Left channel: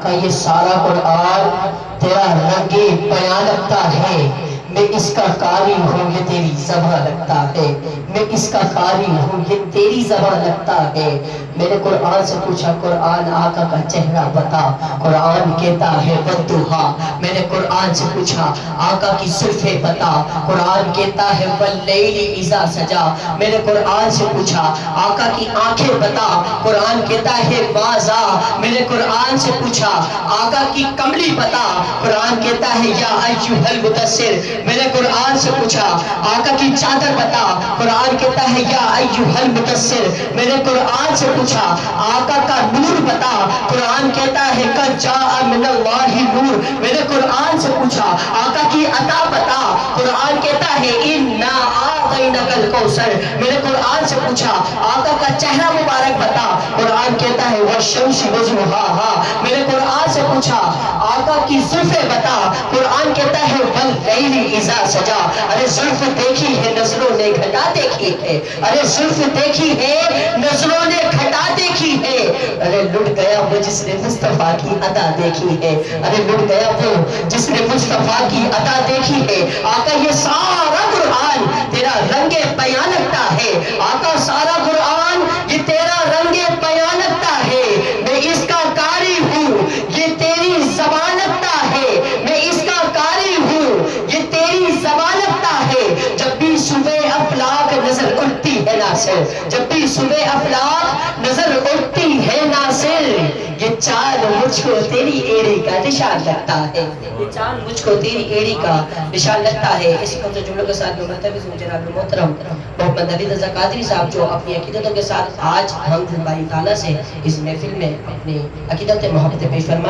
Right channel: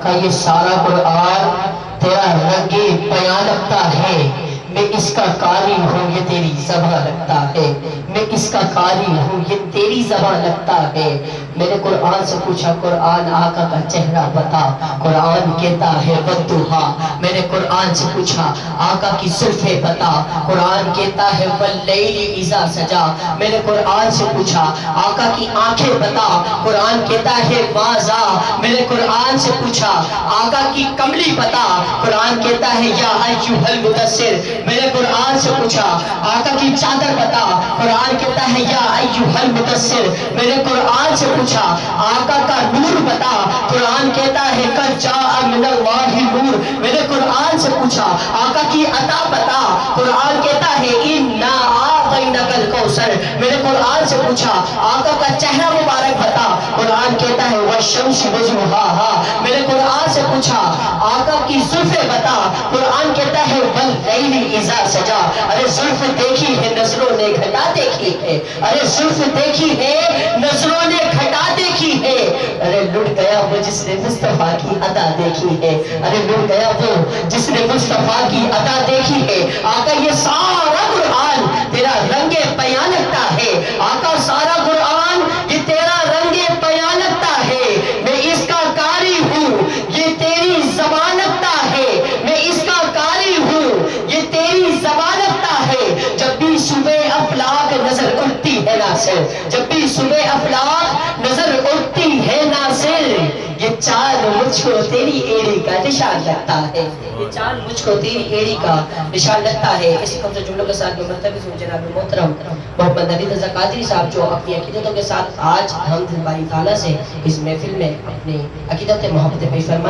آقا یہ سارا قرآن تیرا رنگ بیان لگتا ہے، میں اس کا قاری ہوں یہ تیری زبان لگتا ہے، میں اس کا قاری ہوں یہ تیری زبان لگتا ہے۔ میں نے قرآن سے پوچھا قرآن آقا کا چہرہ بتا، قرآن کہتا ہے والضحیٰ۔ میں نے قرآن سے پوچھا آقا کی زلفیں بتا، قرآن کہتا ہے واللیل اذا سجا۔ میں نے قرآن سے پوچھا آقا کی آنکھیں بتا، قرآن کہتا ہے ماذا۔ میں نے قرآن سے پوچھا آقا کی کملی بتا، قرآن کہتا ہے یا ایھا المدثر۔ میں نے قرآن سے پوچھا آقا کی چادر بتا، قرآن کہتا ہے یا ایھا المدثر۔ میں نے قرآن سے پوچھا آقا کا نور بتا، قرآن کہتا ہے قد جاء من اللہ نور۔ میں نے قرآن سے پوچھا آقا کی عطا بتا، قرآن کہتا ہے انا اعطیناک الکوثر۔ میں نے قرآن سے پوچھا آقا کا چہرہ مبارک بتا، قرآن کہتا ہے والشمس وضحاها۔ میں نے قرآن سے پوچھا آقا کی زلفیں بتا، قرآن کہتا ہے واللیل اذا سجا۔ ارے زلف دیکھی ہے نظروں نے گھٹا دیکھی ہے، ارے زلف دیکھی ہے نظروں نے گھٹا دیکھی ہے۔ ارے لٹ گیا وہ جس نے مصطفیٰ کی عطا دیکھی ہے، ارے لٹ گیا وہ جس نے مصطفیٰ کی عطا دیکھی ہے۔ آقا یہ سارا قرآن تیرا رنگ بیان لگتا ہے، آقا سارا قرآن یہ تیرا رنگ بیان لگتا ہے۔ میں اس کا قاری ہوں یہ تیری زبان لگتا ہے، میں اس کا قاری ہوں یہ تیری زبان لگتا ہے۔ جب بھی صبح افلاک نظر اٹھتی ہے ناصر، جب بھی صبح افلاک نظر اٹھتی ہے ناصر، یہ چاند مجھ کو تیری ایڑی کا نشان لگتا ہے، یہ چاند مجھ کو تیری ایڑی کا نشان لگتا ہے۔ اسی کم سے جملوں کے ساتھ مرتبہ جناب محترم محمد نبی رضا قادری صاحب جو اپنی عقیدتوں کے ساتھ آج ہم باری تعالیٰ سے اس محفل میں اپنی عقیدت محبت پیش فرمائے۔